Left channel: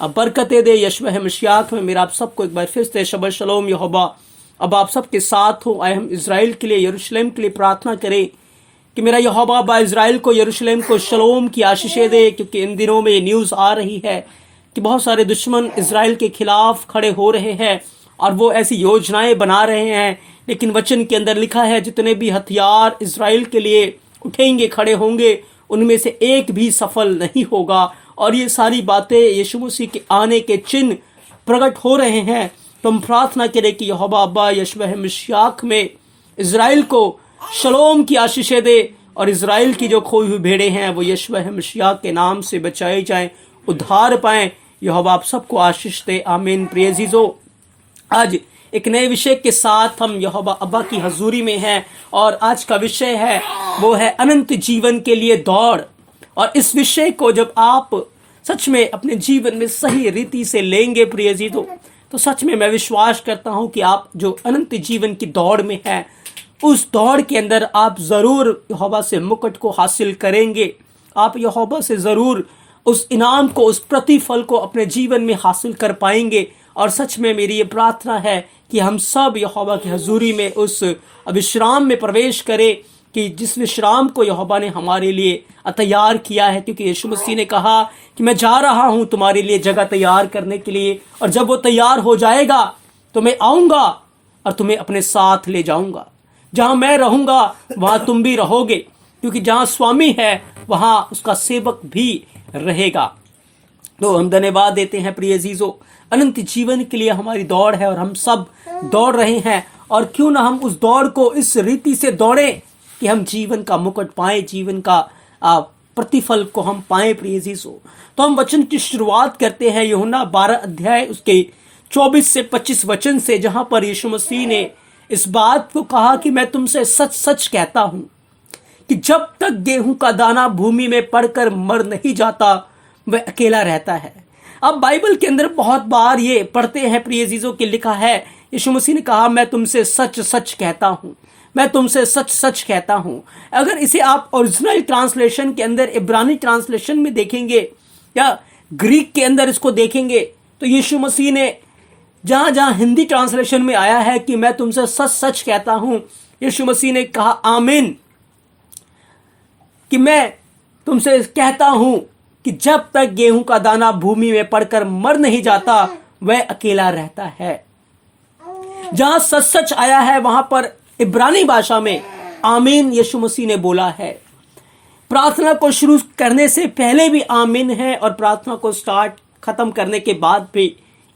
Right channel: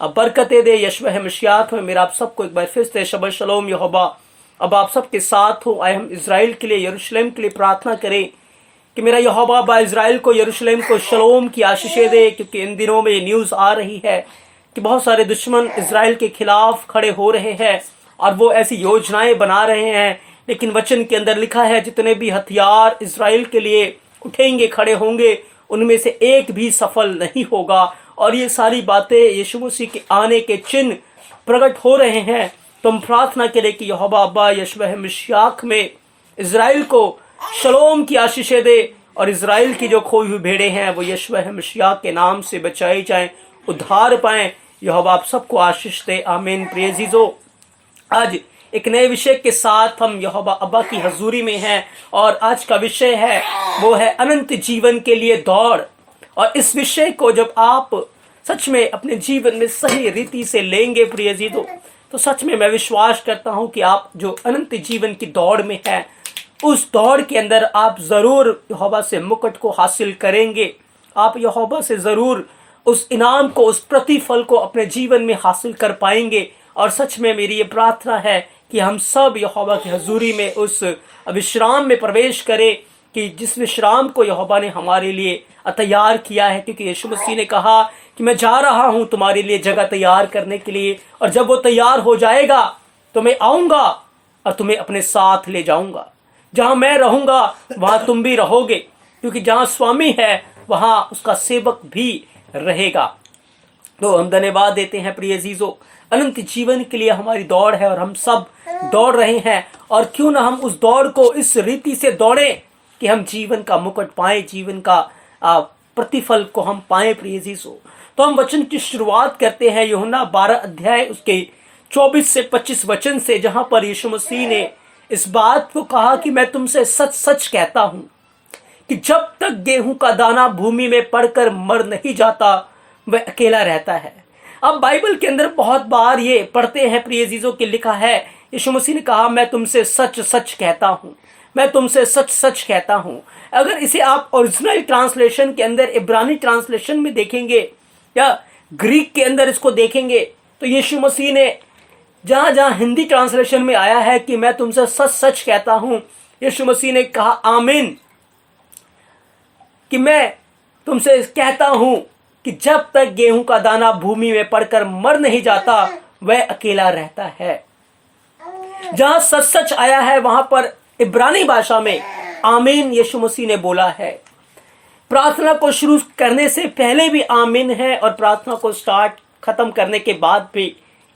अब बरकतें दे यशवह मशियात में। मेरा आप सबको एक बार फिर से शबह शलोम यहोवा अब आप सबके साथ हो। आए हम इज़राइल के लिए, यरूशलेम के लिए प्रार्थना करें कि मेरा यहोवा बा इज़राइल को, यरूशलेम को शलोम की आशीषें दे, क्योंकि इन दिनों में ये न्यूज़ आ रही है कि बहुत सारे दुश्मन इज़राइल के खिलाफ खड़े हो रहे हैं और वो ऐसी योजनाएं बना रहे हैं। लेकिन वचन के अंदर लिखा है जितने भी हथियार इज़राइल के लिए उठेंगे, खड़े होंगे, उनमें से एक भी सफल नहीं होगा। और ये सारी बातें यीशु मसीह के आने के चिन्ह प्रकट हो रहे हैं। तो हम प्रार्थना करें कि यहोवा अब्बा यशवह मशियाक में इज़राइल को शलोम की आशीषें दे और इज़राइल की जो खोई हुई भेड़ें हैं वो यशवह मशियाक के नाम से बचाई जाएं, उद्धार पाएं। यहोवा आप सबको आशीष दे, आमीन। प्रिय अजीजों, आज एक नए विषय के साथ हम यहोवा अब्बा की हजूरी में हैं और आज का विषय है वो है अनंत जीवन के लिए दौड़। और इस विषय को जब आप सच में अपने जीवन में सही रीति से लेंगे प्रिय अजीजों, तो सच में मैं विश्वास करता हूं कि आप जो अनंत जीवन की दौड़ में हैं उस दौड़ के अंदर आप जरूर यहोवा से मुकुट को हासिल करेंगे। आप यहोवा से जरूर उस इनाम को, उस प्रतिफल को अपने जीवन में हासिल कर पाएंगे। और सच में मेरी ये प्रार्थना है कि हम सब यहोवा की हजूरी में उस विश्राम में प्रवेश करें कि जिस विश्राम को यहोवा ने हमारे लिए तैयार किया है। क्योंकि यीशु मसीह ने कहा कि मैं जा रहा हूं तुम्हारे लिए जगह तैयार करने के लिए, और जब वो तैयार हो जाएगा तो मैं आऊंगा और तुम्हें अपने साथ ले जाऊंगा। जहां मैं रहूंगा वहां तुम भी रहोगे, क्योंकि जहां स्वामी है वहां उसका सेवक भी रहेगा। तो हम धन्यवाद देते हैं प्रिय अजीजों, अनंत जीवन के लिए हमारी दौड़ है और हम सब दौड़ रहे हैं। और क्यों ना हम उस दौड़ को इस रीति से दौड़ें कि हम जीवन का मुकुट पाएं, जीवन का प्रतिफल को हम पाएं प्रिय अजीजों। तो हम वचन की शुरुआत करते हैं यूहन्ना 12 अध्याय उसके 24 से 25 वचन से, जहां पर यीशु मसीह ने इस बात को कहा कि मैं तुमसे सच सच कहता हूं कि जब तक गेहूं का दाना भूमि में पड़कर मर नहीं जाता वह अकेला रहता है। अब बाइबल के अंदर बहुत बार ये पढ़ते हैं प्रिय अजीजों के, लिखा है यीशु मसीह ने कहा मैं तुमसे सच सच कहता हूं, मैं तुमसे सच सच कहता हूं। अगर इसे आप ओरिजिनल ट्रांसलेशन के अंदर, इब्रानी ट्रांसलेशन में देखेंगे या ग्रीक के अंदर इसको देखेंगे, तो यीशु मसीह ने जहां जहां हिंदी ट्रांसलेशन में आया है कि मैं तुमसे सच सच कहता हूं, यीशु मसीह ने कहा आमीन, कि मैं तुमसे कहता हूं कि जब तक गेहूं का दाना भूमि में पड़कर मर नहीं जाता वह अकेला रहता है। जहां सच सच आया है वहां पर इब्रानी भाषा में आमीन यीशु मसीह ने बोला है। प्रार्थना को शुरू करने से पहले भी आमीन है और प्रार्थना को खत्म करने के बाद भी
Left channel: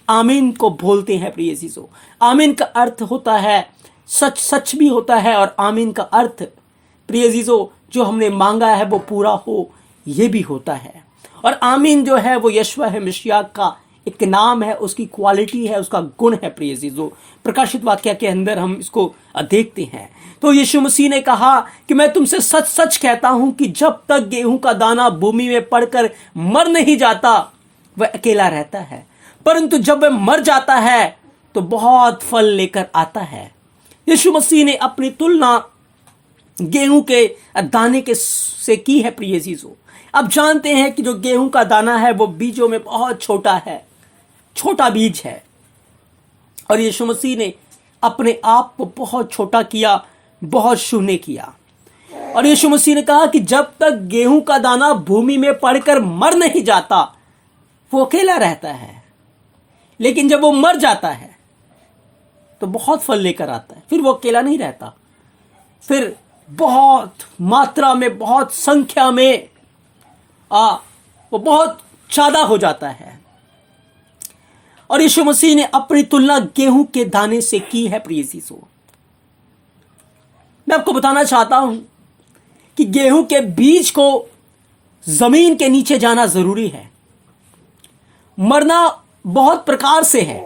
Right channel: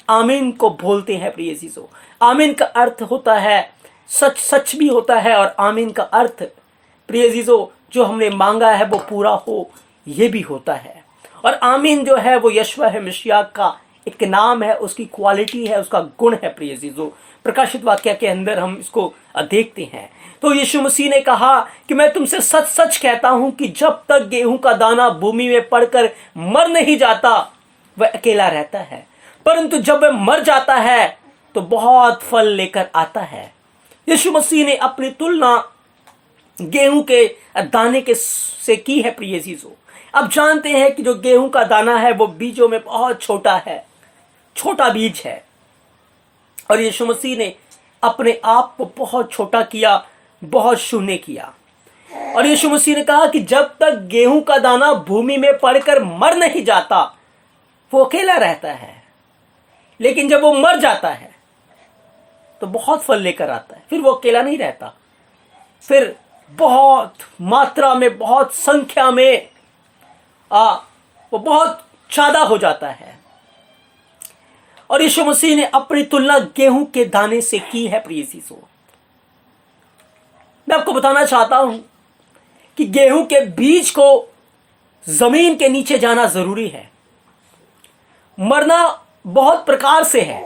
आमीन को बोलते हैं प्रिय अजीजों। आमीन का अर्थ होता है सच, सच भी होता है, और आमीन का अर्थ प्रिय अजीजों जो हमने मांगा है वो पूरा हो, ये भी होता है। और आमीन जो है वो यशवह मशियाक का एक नाम है, उसकी क्वालिटी है, उसका गुण है प्रिय अजीजों। प्रकाशित वाक्य के अंदर हम इसको देखते हैं। तो यीशु मसीह ने कहा कि मैं तुमसे सच सच कहता हूं कि जब तक गेहूं का दाना भूमि में पड़कर मर नहीं जाता वह अकेला रहता है, परंतु जब वह मर जाता है तो बहुत फल लेकर आता है। यीशु मसीह ने अपनी तुलना गेहूं के दाने के से की है प्रिय अजीजों। अब जानते हैं कि जो गेहूं का दाना है वो बीजों में बहुत छोटा है, छोटा बीज है, और यीशु मसीह ने अपने आप को बहुत छोटा किया, बहुत शून्य किया। और यीशु मसीह ने कहा कि जब तक गेहूं का दाना भूमि में पड़कर मर नहीं जाता वो अकेला रहता है, लेकिन जब वो मर जाता है तो बहुत फल लेकर आता है। फिर वो अकेला नहीं रहता, फिर बहुत मात्रा में, बहुत संख्या में वो बहुत ज्यादा हो जाता है। और यीशु मसीह ने अपनी तुलना गेहूं के दाने से की है प्रिय अजीजों। मैं आपको बताना चाहता हूं कि गेहूं के बीज को जमीन के नीचे जाना जरूरी है। मरना बहुत प्रकार से है।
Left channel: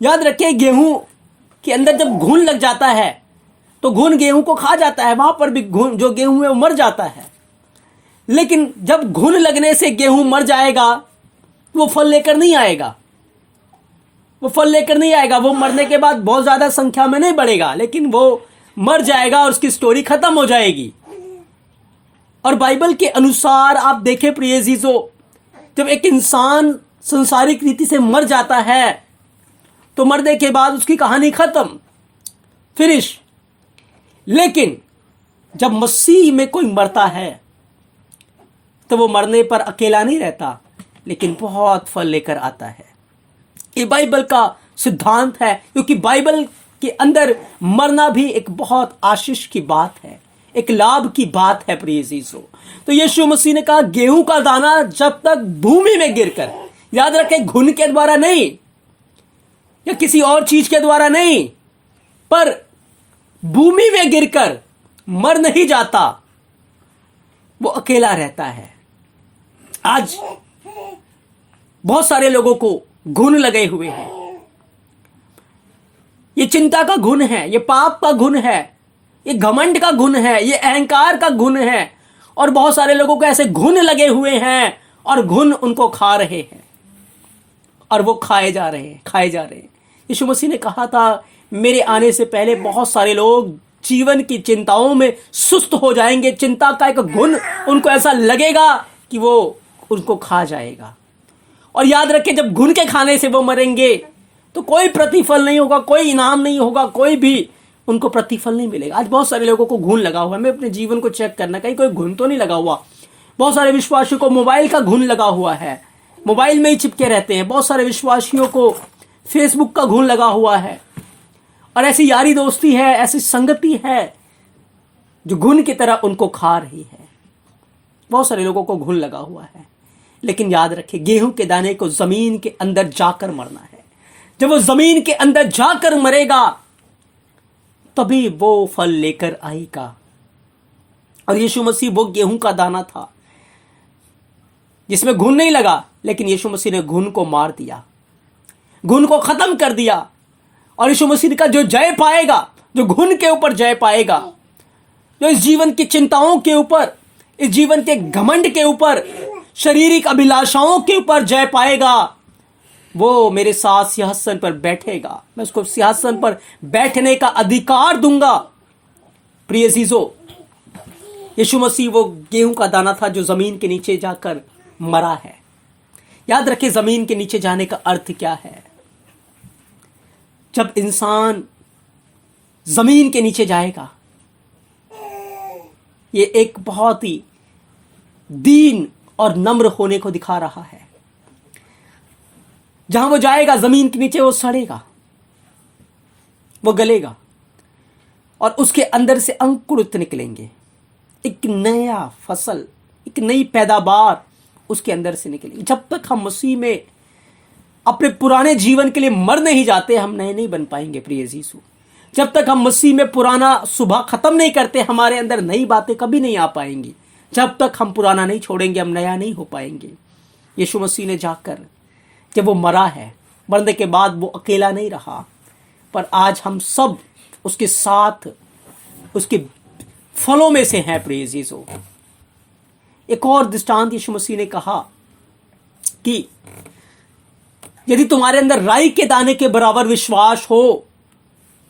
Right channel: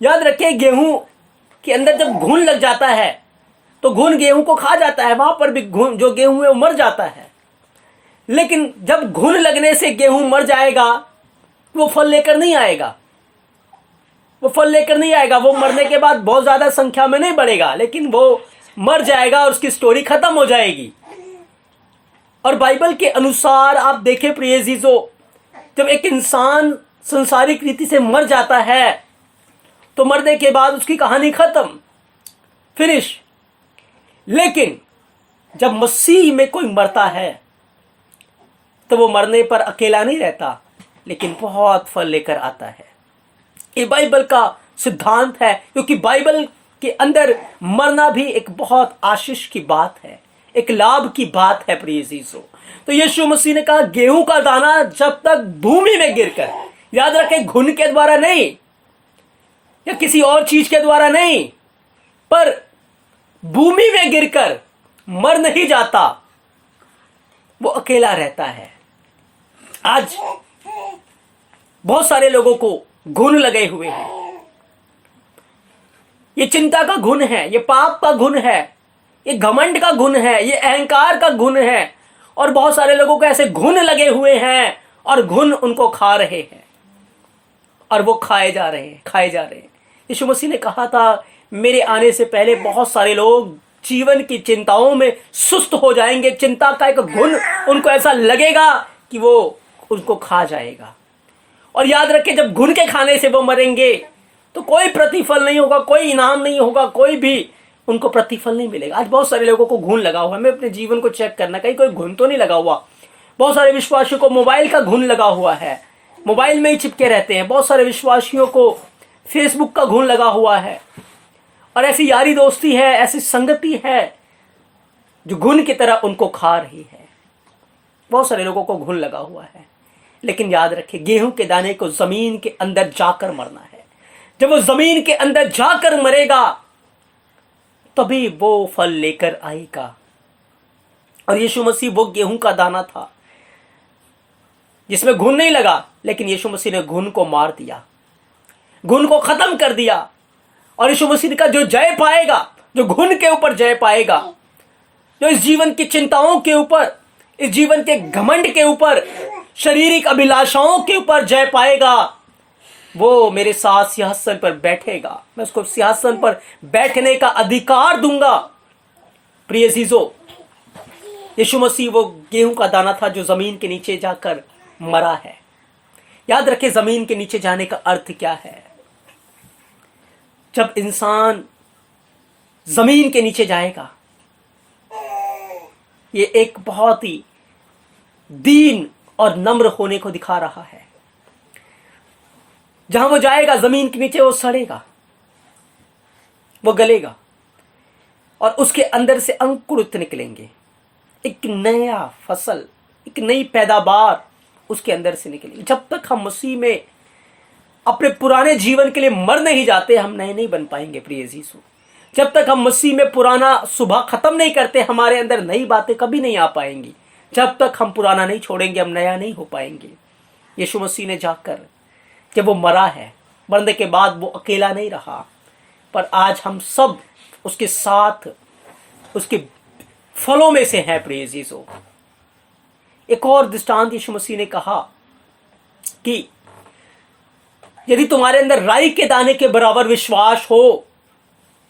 याद रखिए, गेहूं के अंदर जब घुन लग जाता है तो घुन गेहूं को खा जाता है, वहां पर भी घुन जो गेहूं है वो मर जाता है। लेकिन जब घुन लगने से गेहूं मर जाएगा वो फल लेकर नहीं आएगा, वो फल लेकर नहीं आएगा। वो मरने के बाद बहुत ज्यादा संख्या में नहीं बढ़ेगा, लेकिन वो मर जाएगा और उसकी स्टोरी खत्म हो जाएगी। और बाइबल के अनुसार आप देखें प्रिय अजीजों, जब एक इंसान संसारिक रीति से मर जाता है तो मरने के बाद उसकी कहानी खत्म, फिनिश। लेकिन जब मसीह में कोई मरता है तो वो मरने पर अकेला नहीं रहता, लेकिन बहुत फल लेकर आता है। ये बाइबल का सिद्धांत है, क्योंकि बाइबल के अंदर मरना भी एक बहुत आशीष की बात है, एक लाभ की बात है प्रिय यीशु। तो यीशु मसीह ने कहा गेहूं का दाना जब तक भूमि में गिरकर, याद रखें घुन के द्वारा नहीं या किसी और चीज के द्वारा नहीं, पर भूमि में गिरकर मर नहीं जाता, वो अकेला रहता है। आज बहुत सारे लोगों को घुन लगे हुए हैं। ये चिंता का घुन है, ये पाप का घुन है, ये घमंड का घुन है, ये अहंकार का घुन है। और बहुत सारे लोगों को ऐसे घुन लगे हुए हैं और घुन उनको खा रहे हैं और वो खाए जा रहे हैं। यीशु मसीह ने कहा था मेरे आने से पहले बहुत सारे लोग जीवन की चिंताओं में सुस्त हो जाएंगे। चिंता का एक घुन उनको ऐसा लगेगा कि वो उनको खा जाएगा। और याद रखें जब घुन के खाने से वो मरेंगे तो कोई प्रतिफल नहीं होगा, कोई इनाम नहीं होगा, कोई भी उनको प्रतिफल नहीं मिलेगा। आज बहुत सारे लोगों को घुन लगा हुआ है। मैं अपने जीवन को चेक करना, कहीं कोई घुन तो नहीं लगा हुआ। बहुत सारे विश्वासियों को मोबाइल का घुन लगा हुआ है, मोबाइल में ही चिपके रहते हैं। बहुत सारे विश्वासियों को फेसबुक का घुन लगा हुआ है। और ऐसी यारी दोस्ती है, ऐसी संगति है जो घुन की तरह उनको खा रही है। बहुत सारे लोगों को घुन लगा हुआ है। लेकिन याद रखें गेहूं के दाने को जमीन के अंदर जाकर मरना है। जब वो जमीन के अंदर जाकर मरेगा तभी वो फल लेकर आएगा। और यीशु मसीह वो गेहूं का दाना था जिसमें घुन नहीं लगा, लेकिन यीशु मसीह ने घुन को मार दिया, घुन को खत्म कर दिया। और यीशु मसीह का जो जय पाएगा, जो घुन के ऊपर जय पाएगा, जो इस जीवन की चिंताओं के ऊपर, इस जीवन के घमंड के ऊपर, शारीरिक अभिलाषाओं के ऊपर जय पाएगा, वो मेरे साथ सिंहासन पर बैठेगा। मैं उसको सिंहासन पर बैठने का अधिकार दूंगा। प्रिय अजीजों, यीशु मसीह वो गेहूं का दाना था जो जमीन के नीचे जाकर मरा है। याद रखें जमीन के नीचे जाने का अर्थ क्या है। जब इंसान जमीन के नीचे जाएगा, ये एक बहुत ही दीन और नम्र होने को दिखा रहा है। जहां वो जाएगा जमीन के नीचे, वो सड़ेगा, वो गलेगा और उसके अंदर से अंकुरित निकलेंगे। एक नया फसल, एक नई पैदावार उसके अंदर से निकलेगी। जब तक हम मसीह में अपने पुराने जीवन के लिए मर नहीं जाते, हम नए नहीं बन पाएंगे प्रिय यीशु। जब तक हम मसीह में पुराना सुबह खत्म नहीं करते, हमारे अंदर नई बातें कभी नहीं आ पाएंगी। जब तक हम पुराना नहीं छोड़ेंगे, हम नया नहीं हो पाएंगे। यीशु मसीह ने जाकर जब वो मरा है, मरने के बाद वो अकेला नहीं रहा, पर आज हम सब उसके साथ उसके फलों में से हैं प्रिय यीशु। एक और दृष्टांत यीशु मसीह ने कहा कि यदि तुम्हारे अंदर राई के दाने के बराबर विश्वास हो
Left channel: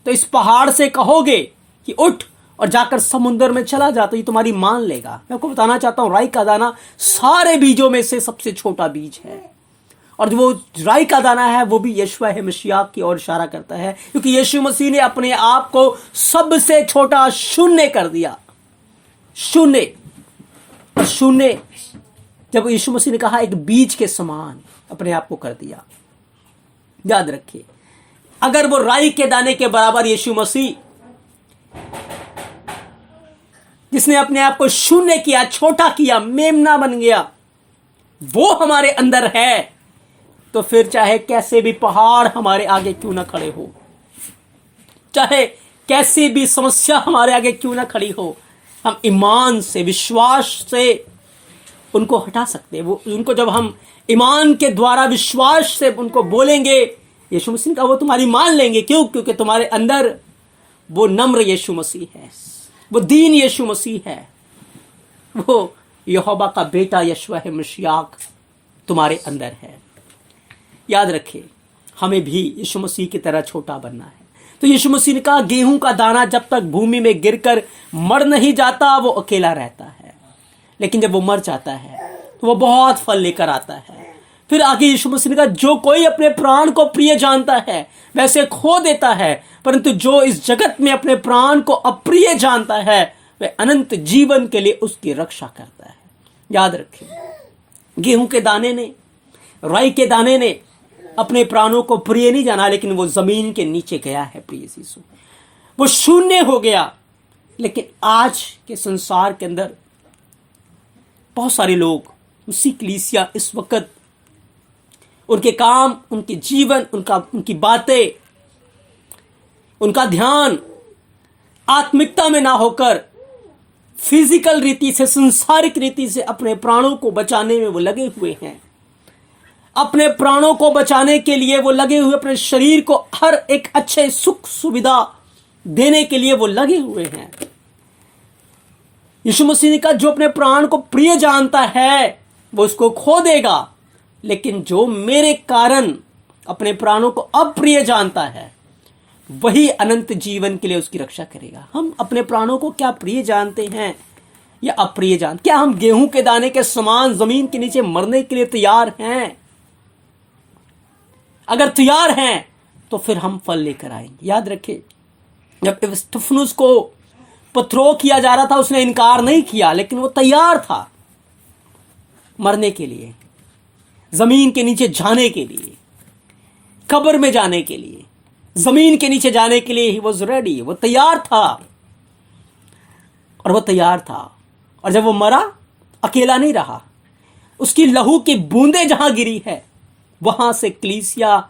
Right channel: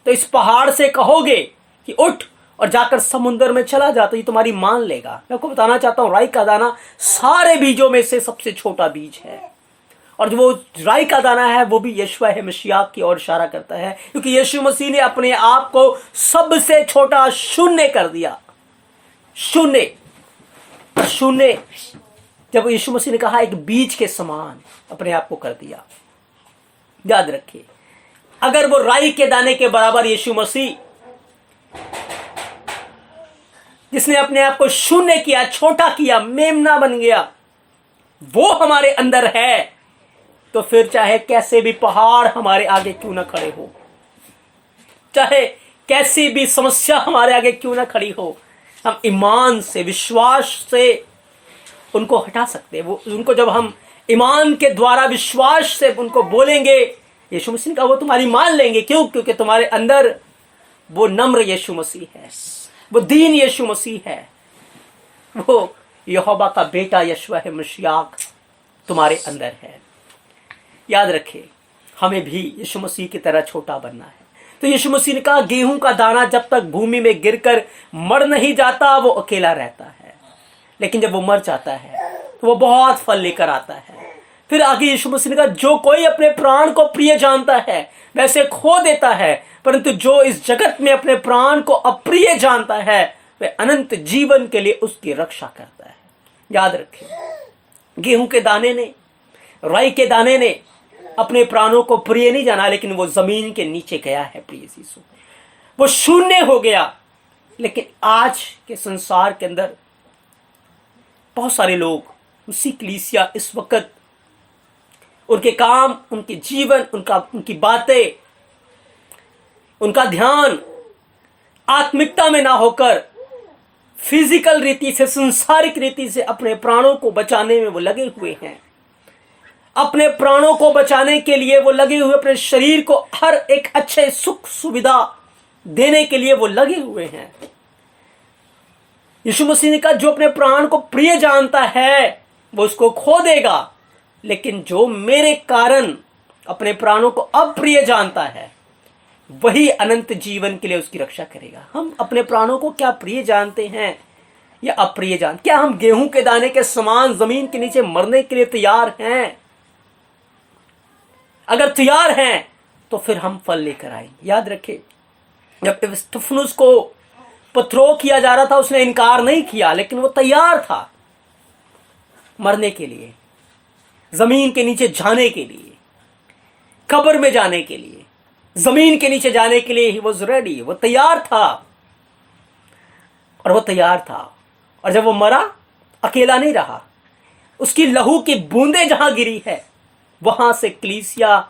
तो इस पहाड़ से कहोगे कि उठ और जाकर समुद्र में चला जा, तो ये तुम्हारी मान लेगा। मैं आपको बताना चाहता हूं, राई का दाना सारे बीजों में से सबसे छोटा बीज है। और जो वो राई का दाना है वो भी यीशु है, मसीह की ओर इशारा करता है, क्योंकि यीशु मसीह ने अपने आप को सबसे छोटा शून्य कर दिया। शून्य जब यीशु मसीह ने कहा एक बीज के समान अपने आप को कर दिया। याद रखिए, अगर वो राई के दाने के बराबर यीशु मसीह, जिसने अपने आप को शून्य किया, छोटा किया, मेमना बन गया, वो हमारे अंदर है, तो फिर चाहे कैसे भी पहाड़ हमारे आगे क्यों ना खड़े हो, चाहे कैसी भी समस्या हमारे आगे क्यों ना खड़ी हो, हम ईमान से, विश्वास से उनको हटा सकते हैं। वो उनको जब हम ईमान के द्वारा विश्वास से उनको बोलेंगे, यीशु मसीह का वो तुम्हारी मान लेंगे। क्यों? क्योंकि तुम्हारे अंदर वो नम्र यीशु मसीह है, वो दीन यीशु मसीह है, वो यहोवा का बेटा यीशु है मसीह तुम्हारे अंदर है। याद रखें, हमें भी यीशु मसीह की तरह छोटा बनना है। तो यीशु मसीह ने कहा गेहूं का दाना जब तक भूमि में गिरकर मर नहीं जाता, वो अकेला रहता है, लेकिन जब वो मर जाता है तो वो बहुत फल लेकर आता है। फिर आगे यीशु मसीह ने कहा, जो कोई अपने प्राण को प्रिय जानता है वैसे खो देता है, परंतु जो इस जगत में अपने प्राण को अप्रिय जानता है वह अनंत जीवन के लिए उसकी रक्षा करता है। याद रखें, गेहूं के दाने ने, राई के दाने ने अपने प्राणों को प्रिय नहीं जाना, लेकिन वो जमीन के नीचे गया है। प्रिय यीशु, वो शून्य हो गया। लेकिन आज के संसार के अंदर बहुत सारे लोग, उसी कलीसिया इस वक्त, उनके काम, उनके जीवन, उनकी बातें, उनका ध्यान आत्मिकता में ना होकर फिजिकल रीति से, संसारिक रीति से अपने प्राणों को बचाने में वो लगे हुए हैं। अपने प्राणों को बचाने के लिए वो लगे हुए, अपने शरीर को हर एक अच्छे सुख सुविधा देने के लिए वो लगे हुए हैं। यीशु मसीह ने कहा, जो अपने प्राण को प्रिय जानता है वो उसको खो देगा, लेकिन जो मेरे कारण अपने प्राणों को अप्रिय जानता है वही अनंत जीवन के लिए उसकी रक्षा करेगा। हम अपने प्राणों को क्या प्रिय जानते हैं या अप्रिय जानते? क्या हम गेहूं के दाने के समान जमीन के नीचे मरने के लिए तैयार हैं? अगर तैयार हैं तो फिर हम फल लेकर आएंगे। याद रखें, जब स्तिफनुस को पत्थरों किया जा रहा था, उसने इनकार नहीं किया, लेकिन वो तैयार था मरने के लिए, जमीन के नीचे जाने के लिए, कब्र में जाने के लिए, जमीन के नीचे जाने के लिए। ही वॉज रेडी, वो तैयार था। और वो तैयार था, और जब वो मरा, अकेला नहीं रहा। उसकी लहू की बूंदें जहां गिरी है, वहां से कलीसिया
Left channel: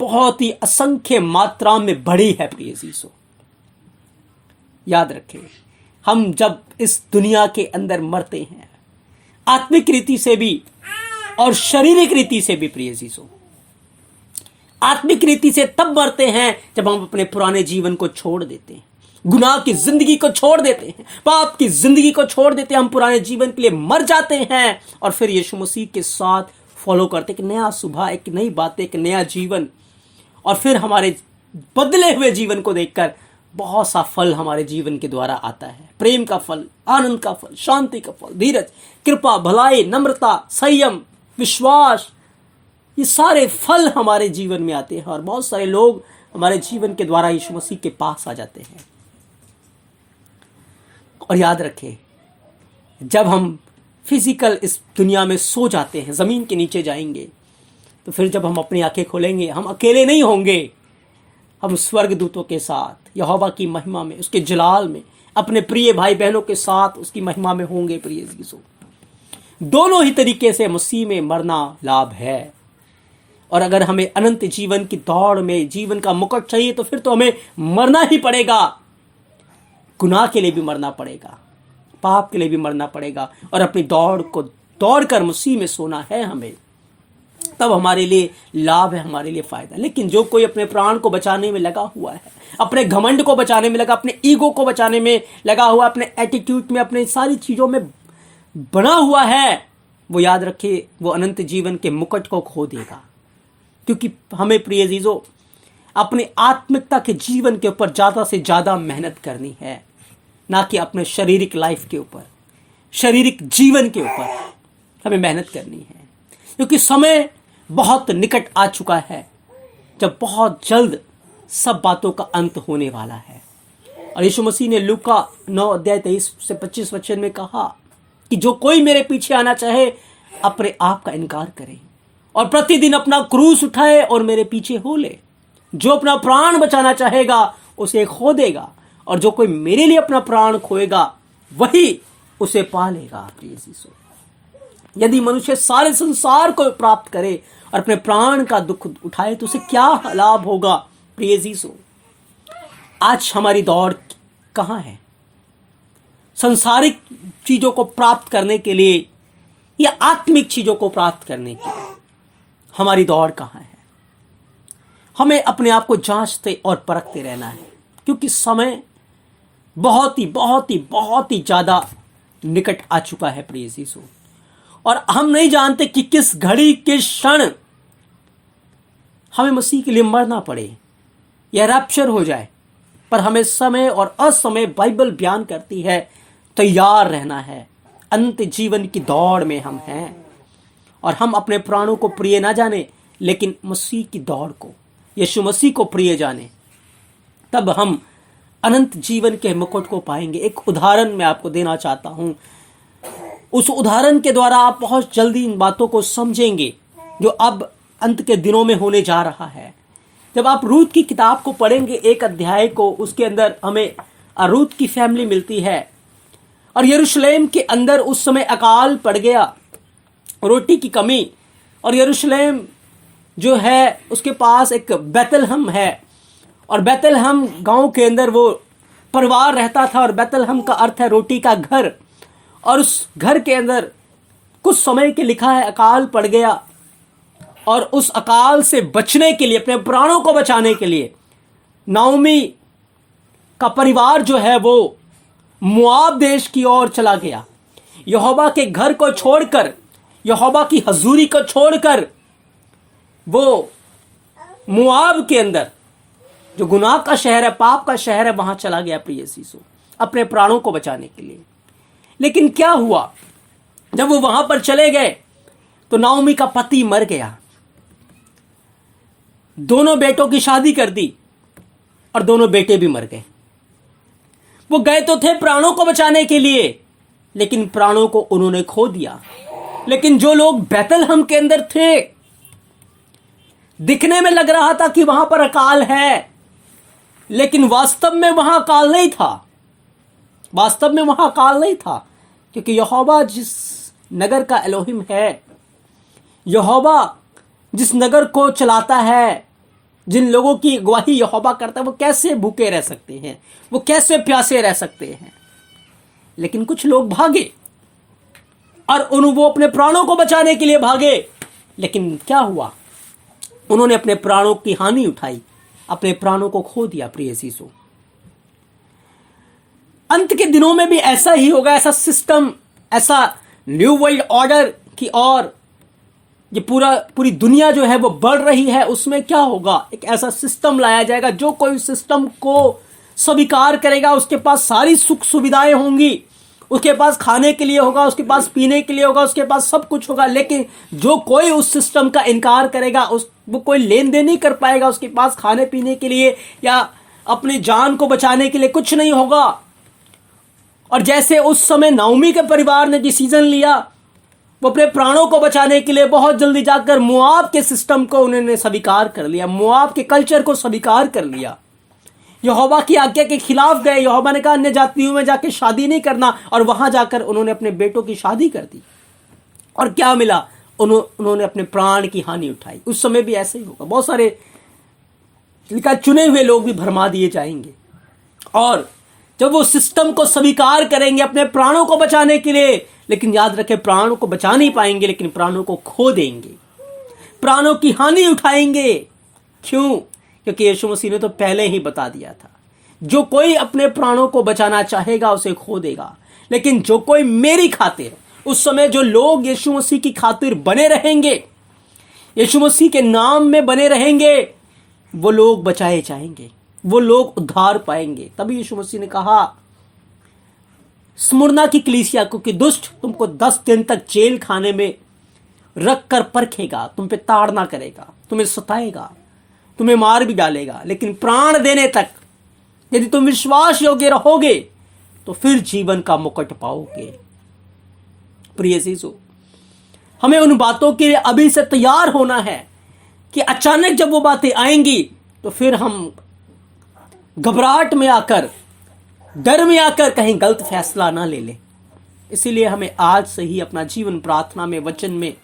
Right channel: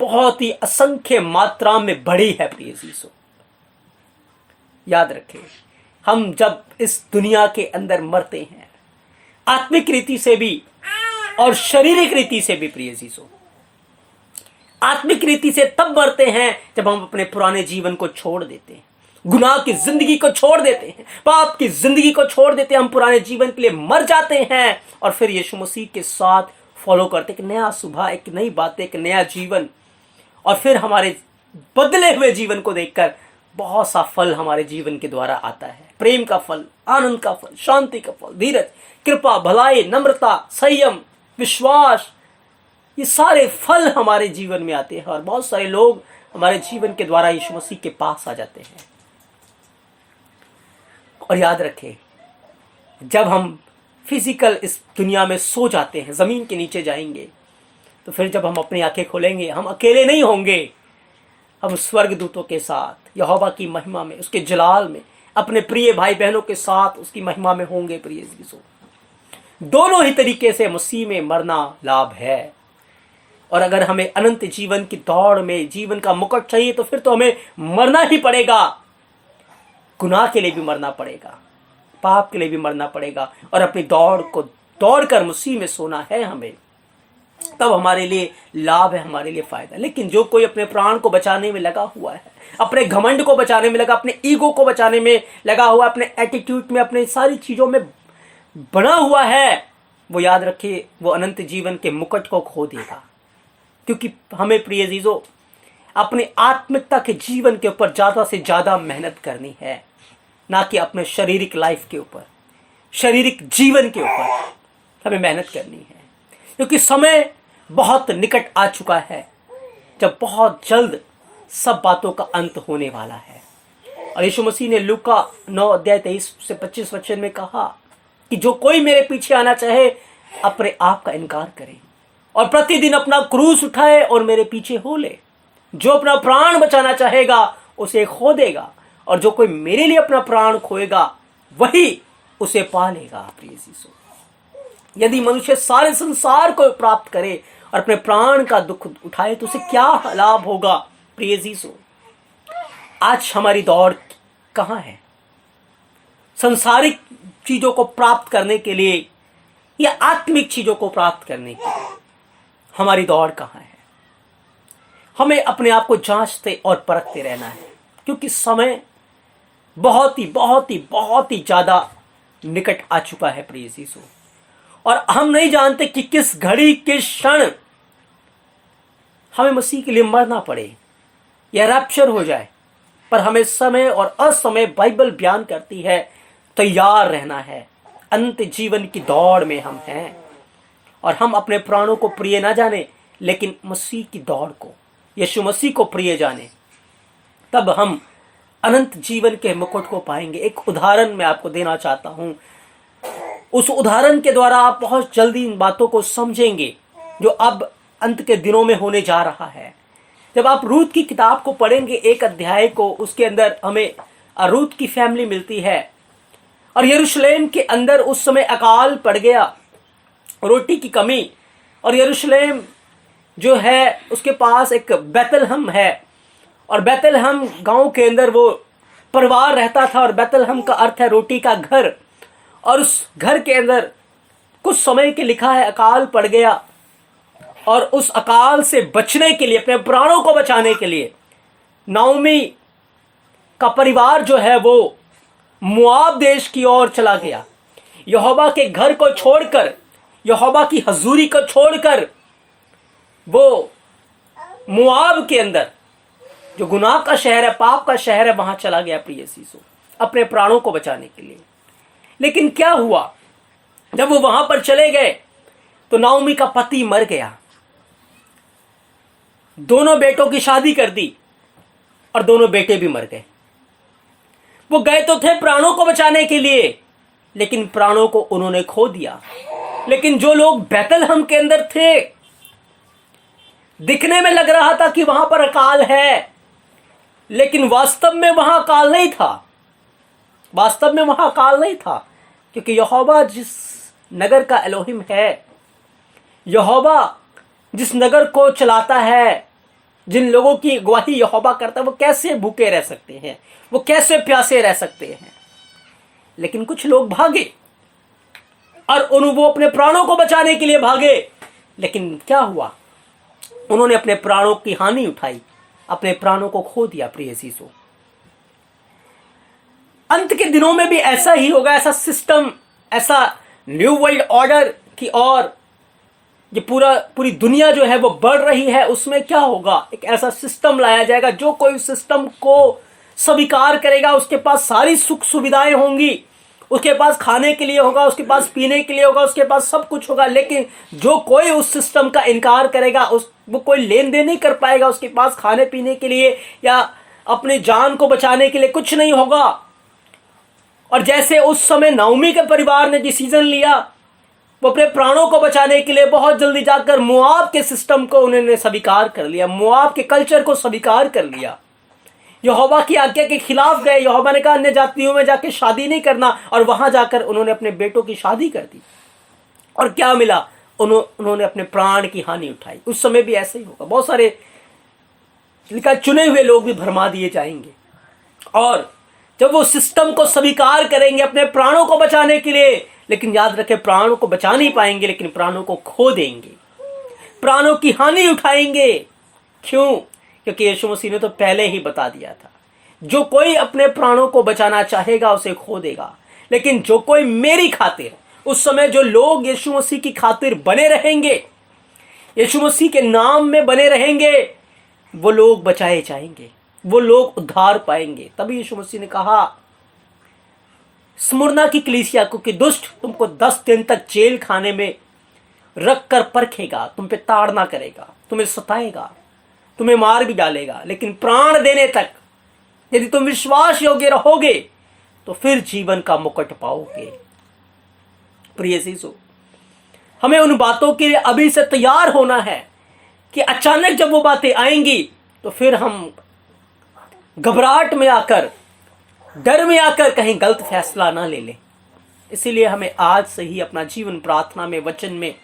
बहुत ही असंख्य मात्रा में बढ़ी है। प्रिय यीशु, याद रखें, हम जब इस दुनिया के अंदर मरते हैं, आत्मिक रीति से भी और शारीरिक रीति से भी, प्रिय यीशु, आत्मिक रीति से तब मरते हैं जब हम अपने पुराने जीवन को छोड़ देते हैं, गुनाह की जिंदगी को छोड़ देते हैं, पाप की जिंदगी को छोड़ देते हैं। हम पुराने जीवन के लिए मर जाते हैं और फिर यीशु मसीह के साथ फॉलो करते, एक नया सुबह, एक नई बात, एक नया जीवन। और फिर हमारे बदले हुए जीवन को देखकर बहुत सा फल हमारे जीवन के द्वारा आता है। प्रेम का फल, आनंद का फल, शांति का फल, धीरज, कृपा, भलाई, नम्रता, संयम, विश्वास, ये सारे फल हमारे जीवन में आते हैं। और बहुत सारे लोग हमारे जीवन के द्वारा यीशु मसीह के पास आ जाते हैं। और याद रखें, जब हम फिजिकल इस दुनिया में सो जाते हैं, जमीन के नीचे जाएंगे, तो फिर जब हम अपनी आंखें खोलेंगे, हम अकेले नहीं होंगे। हम स्वर्गदूतों के साथ यहोवा की महिमा में, उसके जलाल में, अपने प्रिय भाई बहनों के साथ उसकी महिमा में होंगे। प्रिय यीशु, दोनों ही तरीके से मसीह में मरना लाभ है। और अगर हमें अनंत जीवन की दौड़ में जीवन का मुकुट चाहिए तो फिर तो हमें मरना ही पड़ेगा। गुनाह के लिए भी मरना पड़ेगा, पाप के लिए भी मरना पड़ेगा, और अपनी दौड़ को दौड़कर मसीह में सोना है हमें। तब हमारे लिए लाभ है, हमारे लिए फायदा। लेकिन जो कोई अपने प्राण को बचाने में लगा हुआ है, अपने घमंड को बचाने में लगा, अपने ईगो को बचाने में लगा हुआ, अपने एटीट्यूड में, अपने सारी चीजों में बना हुआ है, वो याद रखिए, वो अनंत जीवन के मुकुट को खो देगा। क्योंकि हमें प्रिय अजीजों, अपने आत्मिकता के जीवन के ऊपर ज्यादा से ज्यादा मेहनत करनी है, ना कि अपने शारीरिक लाइफ के ऊपर, शारीरिक जीवन के ऊपर हमें मेहनत करनी है। क्योंकि समय बहुत निकट आ चुका है, जब बहुत जल्द सब बातों का अंत होने वाला है। और यीशु मसीह ने लूका 9:23-25 वचन में कहा कि जो कोई मेरे पीछे आना चाहे, अपने आप का इनकार करे और प्रतिदिन अपना क्रूस उठाए और मेरे पीछे हो ले। जो अपना प्राण बचाना चाहेगा उसे खो देगा, और जो कोई मेरे लिए अपना प्राण खोएगा वही उसे पा लेगा। प्रिय यीशु, यदि मनुष्य सारे संसार को प्राप्त करे और अपने प्राण का दुख उठाए तो उसे क्या लाभ होगा? प्रिय यीशु, आज हमारी दौड़ कहाँ है? संसारिक चीजों को प्राप्त करने के लिए या आत्मिक चीजों को प्राप्त करने के लिए हमारी दौड़ कहाँ है? हमें अपने आप को जांचते और परखते रहना है, क्योंकि समय बहुत ही ज्यादा निकट आ चुका है। प्रिय यीशु, और हम नहीं जानते कि किस घड़ी, किस क्षण हमें मसीह के लिए मरना पड़े या रैप्चर हो जाए। पर हमें समय और असमय, बाइबल बयान करती है, तैयार रहना है। अंत जीवन की दौड़ में हम हैं और हम अपने प्राणों को प्रिय ना जाने लेकिन मसीह की दौड़ को, यीशु मसीह को प्रिय जाने, तब हम अनंत जीवन के मुकुट को पाएंगे। एक उदाहरण मैं आपको देना चाहता हूं, उस उदाहरण के द्वारा आप बहुत जल्दी इन बातों को समझेंगे जो अब अंत के दिनों में होने जा रहा है। जब आप रूत की किताब को पढ़ेंगे, एक अध्याय को, उसके अंदर हमें रूत की फैमिली मिलती है और यरूशलेम के अंदर उस समय अकाल पड़ गया, रोटी की कमी, और यरूशलेम जो है उसके पास एक बैतलहम है और बैतलहम गांव के अंदर वो परिवार रहता था और बैतलहम का अर्थ है रोटी का घर। और उस घर के अंदर कुछ समय के लिखा है अकाल पड़ गया और उस अकाल से बचने के लिए, अपने प्राणों को बचाने के लिए नाओमी का परिवार जो है वो मोआब देश की ओर चला गया। यहोवा के घर को छोड़कर, यहोवा की हजूरी को छोड़कर वो मोआब के अंदर जो गुनाह का शहर है, पाप का शहर है, वहां चला गया प्रिय यीशु अपने प्राणों को बचाने के लिए। लेकिन क्या हुआ, जब वो वहां पर चले गए तो नाओमी का पति मर गया, दोनों बेटों की शादी कर दी और दोनों बेटे भी मर गए। वो गए तो थे प्राणों को बचाने के लिए, लेकिन प्राणों को उन्होंने खो दिया। लेकिन जो लोग बैतलहम के अंदर थे, दिखने में लग रहा था कि वहां पर अकाल है, लेकिन वास्तव में वहां अकाल नहीं था। वास्तव में वहां अकाल नहीं था, क्योंकि यहोवा जिस नगर का एलोहिम है, यहोवा जिस नगर को चलाता है, जिन लोगों की अगुवाई यहोवा करता है, वो कैसे भूखे रह सकते हैं, वो कैसे प्यासे रह सकते हैं। लेकिन कुछ लोग भागे और वो अपने प्राणों को बचाने के लिए भागे, लेकिन क्या हुआ, उन्होंने अपने प्राणों की हानि उठाई, अपने प्राणों को खो दिया। प्रिय यीशु, अंत के दिनों में भी ऐसा ही होगा। ऐसा सिस्टम, ऐसा न्यू वर्ल्ड ऑर्डर की और ये पूरी दुनिया जो है वो बढ़ रही है, उसमें क्या होगा, एक ऐसा सिस्टम लाया जाएगा जो कोई सिस्टम को स्वीकार करेगा, उसके पास सारी सुख सुविधाएं होंगी, उसके पास खाने के लिए होगा, उसके पास पीने के लिए होगा, उसके पास सब कुछ होगा। लेकिन जो कोई उस सिस्टम का इनकार करेगा, वो कोई लेन देन नहीं कर पाएगा, उसके पास खाने पीने के लिए या अपनी जान को बचाने के लिए कुछ नहीं होगा। और जैसे उस समय नाओमी के परिवार ने डिसीजन लिया, वो अपने प्राणों को बचाने के लिए बहुत जल्दी जाकर मोआब के सिस्टम को उन्होंने स्वीकार कर लिया, मोआब के कल्चर को स्वीकार कर लिया, यहोवा की आज्ञा के खिलाफ गए। यहोवा ने कहा अन्य जातियों में जाके शादी नहीं करना, और वहां जाकर उन्होंने अपने बेटों की शादी कर दी। और क्या मिला, उन्होंने अपने प्राण की हानि उठाई। उस समय भी ऐसे ही होगा, बहुत सारे लिखा चुने हुए लोग भी भरमा दिए जाएंगे, और जब वो सिस्टम को स्वीकार करेंगे अपने प्राणों को बचाने के लिए, लेकिन याद रखें प्राणों को बचा नहीं पाएंगे, लेकिन प्राणों को खो देंगे, प्राणों की हानि उठाएंगे। क्यों? क्योंकि यीशु मसीह ने तो पहले ही बता दिया था, जो कोई अपने प्राणों को बचाना चाहेगा उसे खो देगा, लेकिन जो कोई मेरी खातिर, उस समय जो लोग यीशु मसीह की खातिर बने रहेंगे, यीशु मसीह के नाम में बने रहेंगे, वो लोग बचाए जाएंगे, वो लोग उद्धार पाएंगे। तभी यीशु मसीह ने कहा स्मुरना की कलीसिया को कि दुष्ट तुमको 10 दिन तक जेल खाने में रख कर परखेगा, तुम पे ताड़ना करेगा, तुम्हें सताएगा, तुम्हें मार भी डालेगा, लेकिन प्राण देने तक यदि तुम विश्वास योग्य रहोगे तो फिर जीवन का मुकुट पाओगे। प्रिय यीशु, हमें उन बातों के लिए अभी से तैयार होना है कि अचानक जब वो बातें आएंगी तो फिर हम घबराहट में आकर, डर में आकर कहीं गलत फैसला ना ले लें। इसीलिए हमें आज से ही अपना जीवन प्रार्थना में, वचन में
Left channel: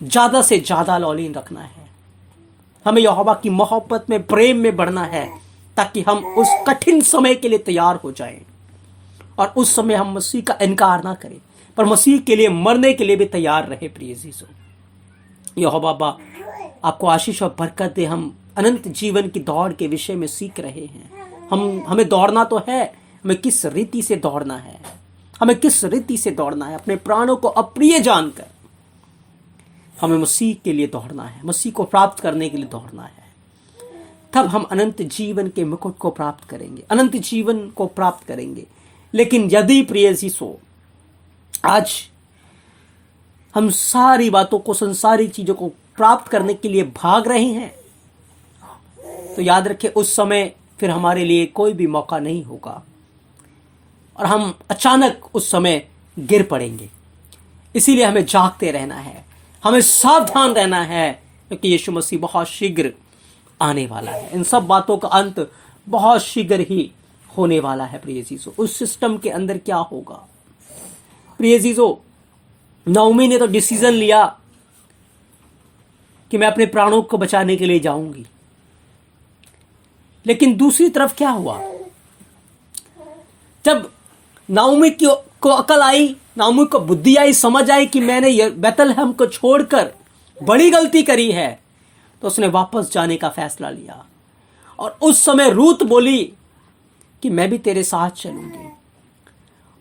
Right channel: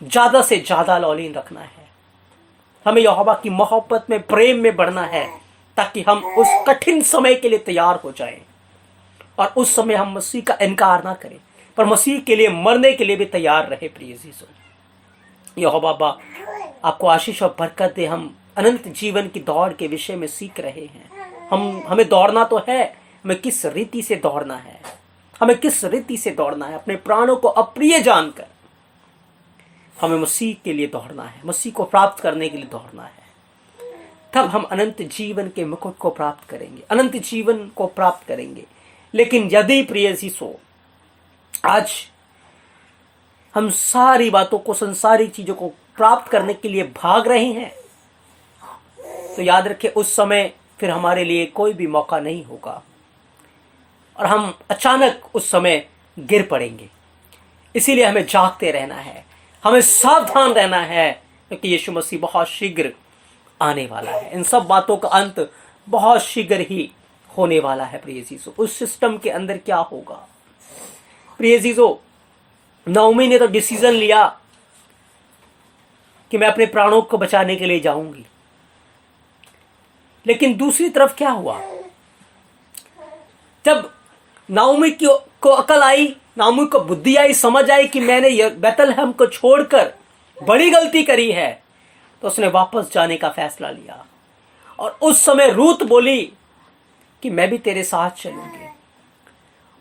ज्यादा से ज्यादा लौलीन रखना है। हमें यहोवा की मोहब्बत में, प्रेम में बढ़ना है, ताकि हम उस कठिन समय के लिए तैयार हो जाएं, और उस समय हम मसीह का इनकार ना करें, पर मसीह के लिए मरने के लिए भी तैयार रहे। प्रिय यीशु, यहोवा बाबा आपको आशीष और बरकत दे। हम अनंत जीवन की दौड़ के विषय में सीख रहे हैं। हमें दौड़ना तो है, हमें किस रीति से दौड़ना है, हमें किस रीति से दौड़ना है। अपने प्राणों को अप्रिय जानकर हमें मसीह के लिए दौड़ना है, मसीह को प्राप्त करने के लिए दौड़ना है। तब हम अनंत जीवन के मुकुट को प्राप्त करेंगे, अनंत जीवन को प्राप्त करेंगे। लेकिन यदि प्रिय यीशु आज हम सारी बातों को, संसारिक चीजों को प्राप्त करने के लिए भाग रहे हैं, तो याद रखें उस समय फिर हमारे लिए कोई भी मौका नहीं होगा और हम अचानक उस समय गिर पड़ेंगे। इसीलिए हमें जागते रहना है, हमें सावधान रहना है, क्योंकि यीशु मसीह बहुत शीघ्र आने वाला है। इन सब बातों का अंत बहुत शीघ्र ही होने वाला है। प्रिय जीजो, उस सिस्टम के अंदर क्या होगा? प्रिय जीजो, नओमी ने तो डिसीजन लिया कि मैं अपने प्राणों को बचाने के लिए जाऊंगी, लेकिन दूसरी तरफ क्या हुआ? जब नाओमी को अकल आई, नाओमी को बुद्धि आई, समझ आई कि मैंने बैतलहम को छोड़कर बड़ी गलती करी है, तो उसने वापस जाने का फैसला लिया। और उस समय रूत बोली कि मैं भी तेरे साथ चलूंगी।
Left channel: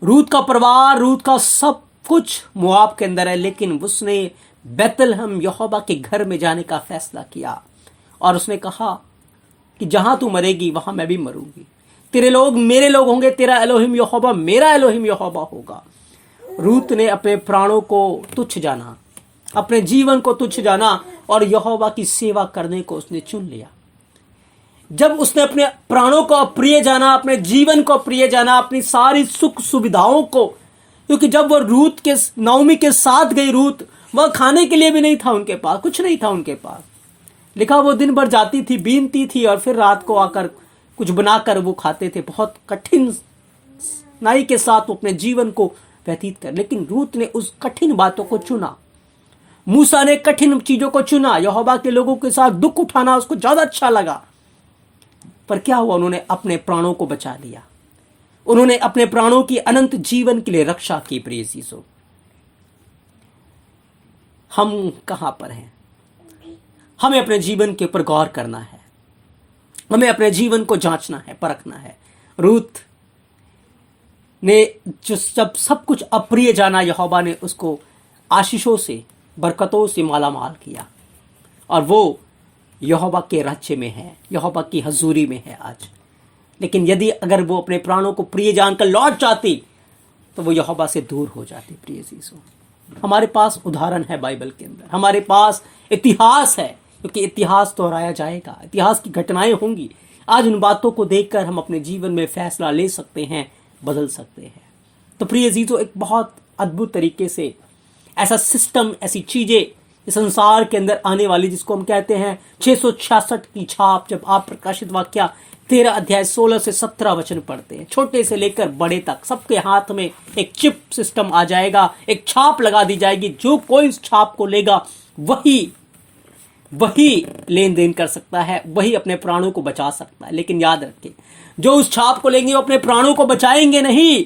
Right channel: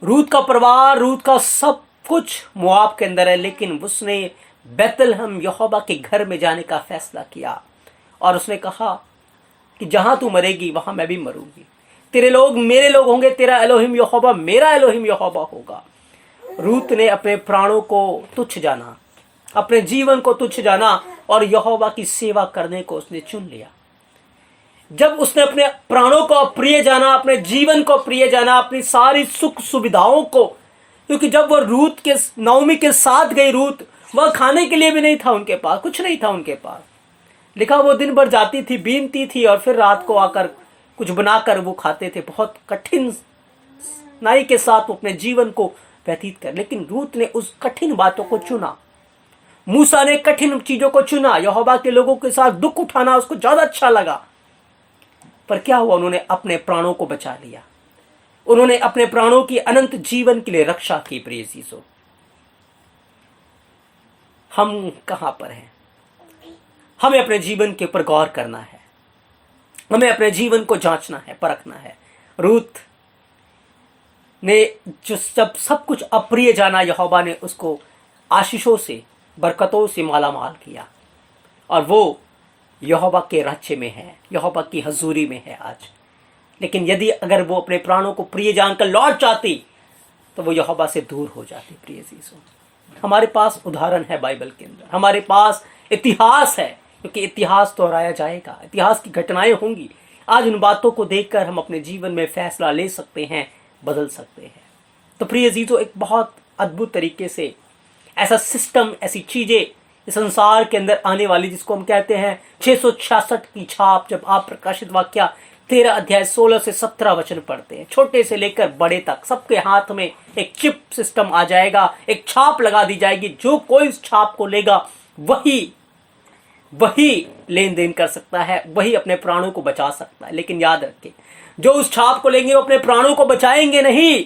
रूत का परिवार, रूत का सब कुछ मोआब के अंदर है, लेकिन उसने बैतलहम यहोवा के घर में जाने का फैसला किया और उसने कहा कि जहां तू मरेगी वहां मैं भी मरूंगी, तेरे लोग मेरे लोग होंगे, तेरा एलोहिम यहोवा मेरा एलोहिम यहोवा होगा। रूत ने अपने प्राणों को तुच्छ जाना, अपने जीवन को तुच्छ जाना और यहोवा की सेवा करने को उसने चुन लिया। जब उसने अपने प्राणों को अप्रिय जाना, अपने जीवन को अप्रिय जाना, अपनी सारी सुख सुविधाओं को, क्योंकि जब वो रूत के नओमी के साथ गई, रूत वह खाने के लिए भी नहीं था उनके पास, कुछ नहीं था उनके पास। लिखा वो दिन भर जाती थी, बीनती थी और फिर रात को आकर कुछ बनाकर वो खाते थे। बहुत कठिन नाई के साथ वो अपने जीवन को व्यतीत कर, लेकिन रूत ने उस कठिन बातों को चुना। मूसा ने कठिन चीजों को चुना, यहोवा के लोगों के साथ दुख उठाना उसको ज्यादा अच्छा लगा। पर क्या हुआ? उन्होंने अपने प्राणों को बचा लिया, उन्होंने अपने प्राणों की अनंत जीवन के लिए रक्षा की। प्रिय जीसो, हम कहां पर हैं? हमें अपने जीवन के ऊपर गौर करना है, हमें अपने जीवन को जांचना है, परखना है। रूत ने जो जब सब कुछ अप्रिय जाना, यहोवा ने उसको आशीषों से, बरकतों से मालामाल किया और वो यहोवा के राज्य में है, यहोवा की हजूरी में है आज। लेकिन यदि अगर वो अपने प्राणों को प्रिय जानकर लौट जाती तो वो यहोवा से दूर हो जाती। प्रिय जीसो, हमारे पास उदाहरण है बाइबल के अंदर, हमारे पास इतिहास है, क्योंकि इतिहास दोहराया जाएगा, इतिहास की घटनाएं होंगी। आज उन बातों को देखकर हम अपने जीवन में फैसला ले सकते हैं, बदल सकते हैं। तो प्रिय जीसो, एक बहुत अद्भुत तरीके से ऐसा सिस्टम, ऐसी चीजें इस संसार के अंदर आने वाली, जिसको हम कहते हैं 666 की छाप। जब आप प्रकाशित वाक्य 13 अध्याय 16 से 17 वचन पढ़ते हैं, छोटे से लेकर बड़े तक सबके हाथ में एक चिप सिस्टम आ जाएगा, एक छाप लगा दी जाएगी। जो कोई इस छाप को लेगा वही लेन देन कर सकता है, वही अपने प्राणों को बचा सकता है। लेकिन याद रखें, जो उस छाप को लेंगे वो अपने प्राणों को बचाएंगे नहीं,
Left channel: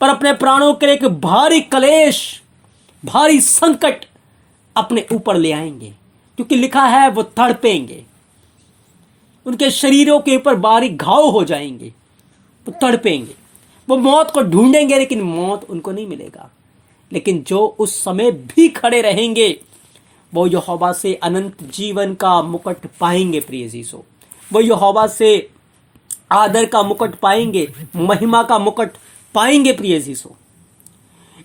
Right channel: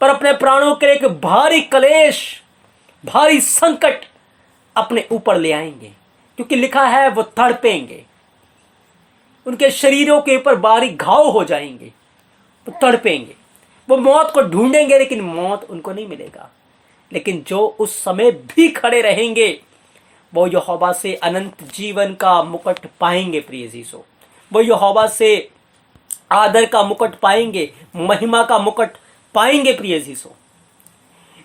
पर अपने प्राणों के लिए एक भारी कलेश, भारी संकट अपने ऊपर ले आएंगे। क्योंकि लिखा है वो तड़पेंगे, उनके शरीरों के ऊपर बारीक घाव हो जाएंगे, वो तड़पेंगे, वो मौत को ढूंढेंगे लेकिन मौत उनको नहीं मिलेगा। लेकिन जो उस समय भी खड़े रहेंगे वो यहोवा से अनंत जीवन का मुकुट पाएंगे। प्रिय जीसो, वो यहोवा से आदर का मुकुट पाएंगे, महिमा का मुकुट पाएंगे। प्रिय जीसो,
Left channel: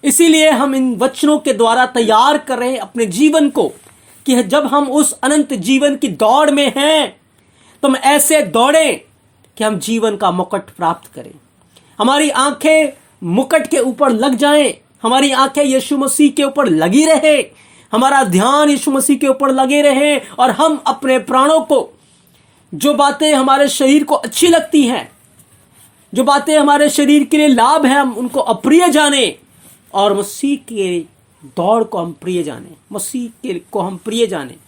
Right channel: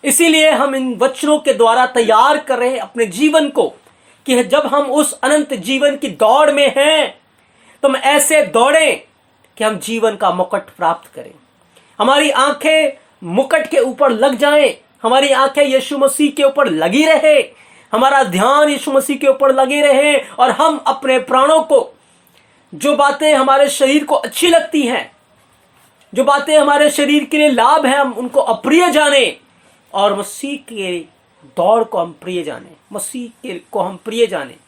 इसीलिए हम इन वचनों के द्वारा तैयार कर रहे हैं अपने जीवन को, कि जब हम उस अनंत जीवन की दौड़ में हैं तो हम ऐसे दौड़ें कि हम जीवन का मुकुट प्राप्त करें। हमारी आंखें मुकुट के ऊपर लग जाएं, हमारी आंखें यीशु मसीह के ऊपर लगी रहे, हमारा ध्यान यीशु मसीह के ऊपर लगे रहे और हम अपने प्राणों को, जो बातें हमारे शरीर को अच्छी लगती हैं, जो बातें हमारे शरीर के लिए लाभ है, हम उनको अप्रिय जाने और मसीह के दौड़ को हम प्रिय जाने, मसीह के को हम प्रिय जाने।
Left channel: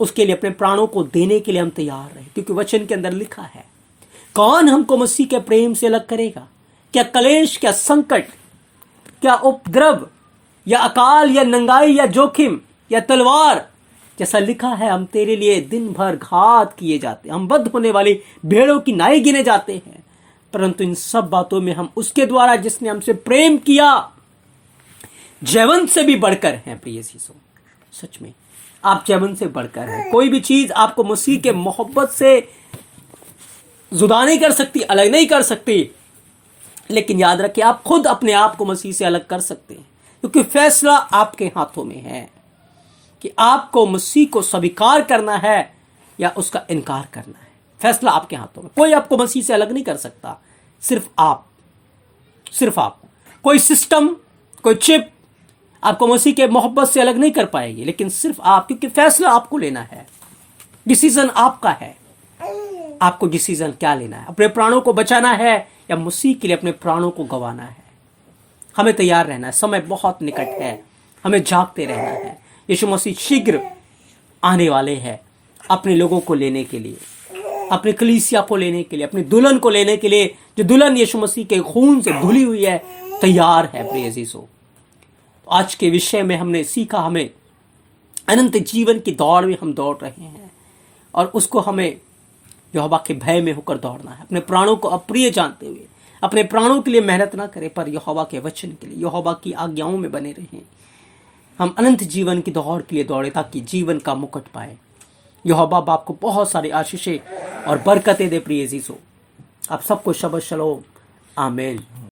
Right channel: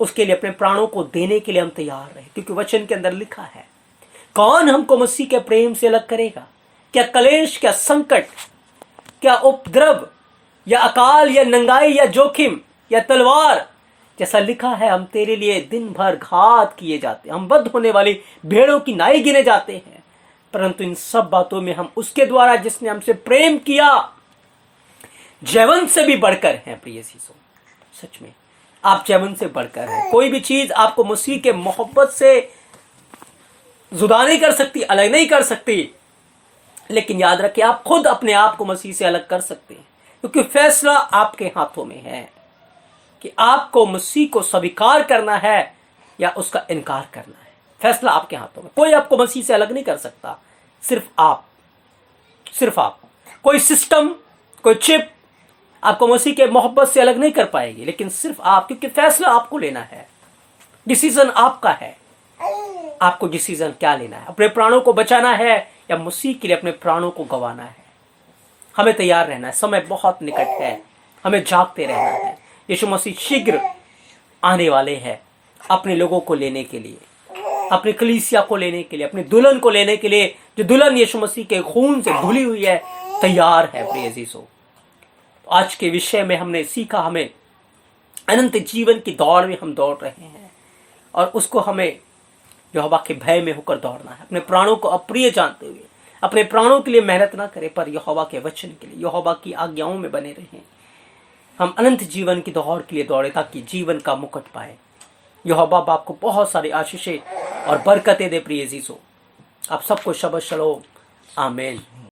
उसके लिए अपने प्राणों को देने के लिए हम तैयार रहे, क्योंकि वचन के अंदर लिखा है, कौन हमको मसीह के प्रेम से अलग करेगा? क्या कलेश, क्या संकट, क्या उपद्रव, या अकाल, या नंगाई, या जोखिम, या तलवार? जैसा लिखा है, हम तेरे लिए दिन भर घात किए जाते, हम बद्ध होने वाली भेड़ों की नाई गिने जाते हैं। परंतु इन सब बातों में हम उसके द्वारा जिसने हमसे प्रेम किया जैवन से भी बढ़कर हैं। प्रिय जीसो, सच में आप जैवन से बढ़कर हैं। कोई भी चीज आपको मसीह के मोहब्बत से जुदा नहीं कर सकती, अलग नहीं कर सकती। लेकिन याद रखिए, आप खुद अपने आप को मसीह से अलग कर सकते हैं। क्योंकि फैसला आपके हाथों में है कि आपको मसीह को स्वीकार करना है या उसका इनकार करना है। फैसला आपके हाथों में। कोई आपको मसीह से अलग नहीं कर सकता, सिर्फ आप, सिर्फ आप। कोई सिस्टम, कोई चिप आपको मसीह के मोहब्बत से अलग नहीं कर पाएगी, लेकिन सिर्फ आप, क्योंकि फैसला आपको लेना है। डिसीजन आपका है। आपको डिसीजन क्या लेना है, अपने प्राणों को बचाना है या मसीह के लिए अपने प्राणों को गंवाना है। हमें तैयार रहना है, समय बहुत निकट है, हमें जागते रहना है। यीशु मसीह शीघ्र आने वाले हैं अपने लोगों को लेने के लिए, अपने कलीसिया को लेने के लिए, अपने दुल्हन को लेने के लिए। जो दुल्हन यीशु मसीह के खून से धुली हुई है, तैयार है प्रिय अजीजों। आज के विषय में हमने सीखा, हमें अनंत जीवन की दौड़ में हम दौड़ रहे हैं और उसको हमें यहोवा के भय में होकर दौड़ना है। अपने प्राणों को अप्रिय जानते हुए अपने प्राणों के लिए मेहनत ना करें, पर यहोवा के वचन के लिए, यहोवा की आज्ञाओं में बने रहें। हम अनंत जीवन की दौड़ के लिए दौड़े ताकि जीवन का मुकुट पाए। यहोवा बाप को बहुत सारी आशीषें और बरकतें दे प्रिय अजीजों। आप सबको शबद शलोम, आमीन।